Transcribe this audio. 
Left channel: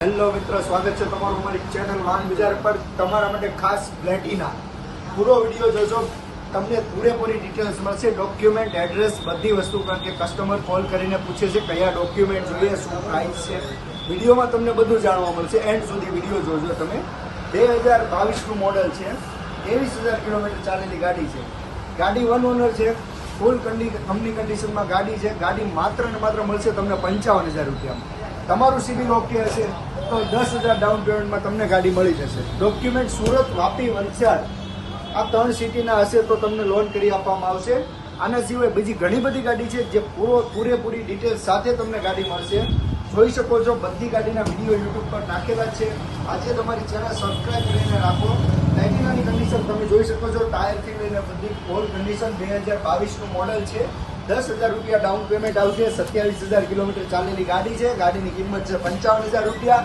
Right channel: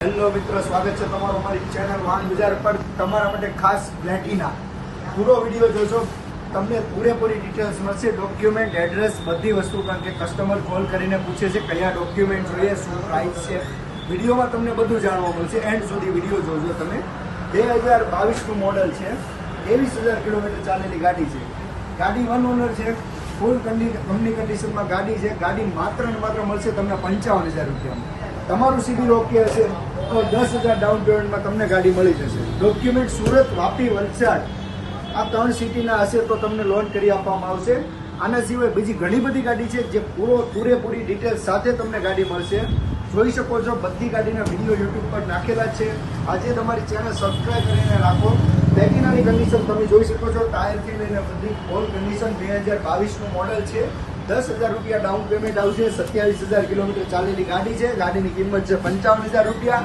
Hello મિત્રો, સ્વાગત છે તમારું અમારી ચેનલ વાહન બજાર પર. તમારા માટે ખાસ પ્લેટિના પૂરો વિડીયો જોજો, તમને પૂરેપૂરી ડિટેલ્સ મળશે, ડોક્યુમેન્ટ, એડ્રેસ, બધી વસ્તુ. કારણ કે કસ્ટમર કોલ કરીને પૂછે છે કયા ડોક્યુમેન્ટ જોઈએ, શું પ્રાઇસ છે. વિડીયોમાં તમને બધું જાણવા મળશે. એન્ડ સુધી વિડીયો જોજો તમે. 2022નું મોડલ છે, 23,000 કિલોમીટર ચાલેલી ગાડી છે. ગાડી વન ઓનર છે, ફૂલ કંપની કન્ડિશનમાં ગાડી છે. ગાડી માત્ર ને માત્ર મળશે તમને 55,000 રૂપિયામાં. તમારું સિવિલ ઓકે હશે તો 10,000 ડાઉન પેમેન્ટમાં તમને ગાડી મળી જશે. ડોક્યુમેન્ટ સુરત, વાપી, વલસાડ આ 3 સિટીના હશે તો તમને લોન કરી આપવામાં આવશે. આના સિવાય બીજી ઘણી બધી ગાડી છે જે પૂરેપૂરી ડિટેલ્સ સાથે તમને ગાડી મળશે. જોઈ શકો છો, બધી ગાડીના વિડીયો યુટ્યુબ પર નાખેલા જ છે. આજે તમારી ચેનલ સબસ્ક્રાઈબ કરીને રાખો. પ્લેટિનાની કન્ડિશન તમે જોઈ શકો છો, ટાયરથી લઈને બધી ફોલ કન્ડિશન. 2022નું મોડલ છે. 10,000 રૂપિયા ડાઉન પેમેન્ટ આવશે. 27,000 કિલોમીટર ચાલેલી ગાડી છે. ગાડીની કિંમત છે 55,000 રૂપિયા.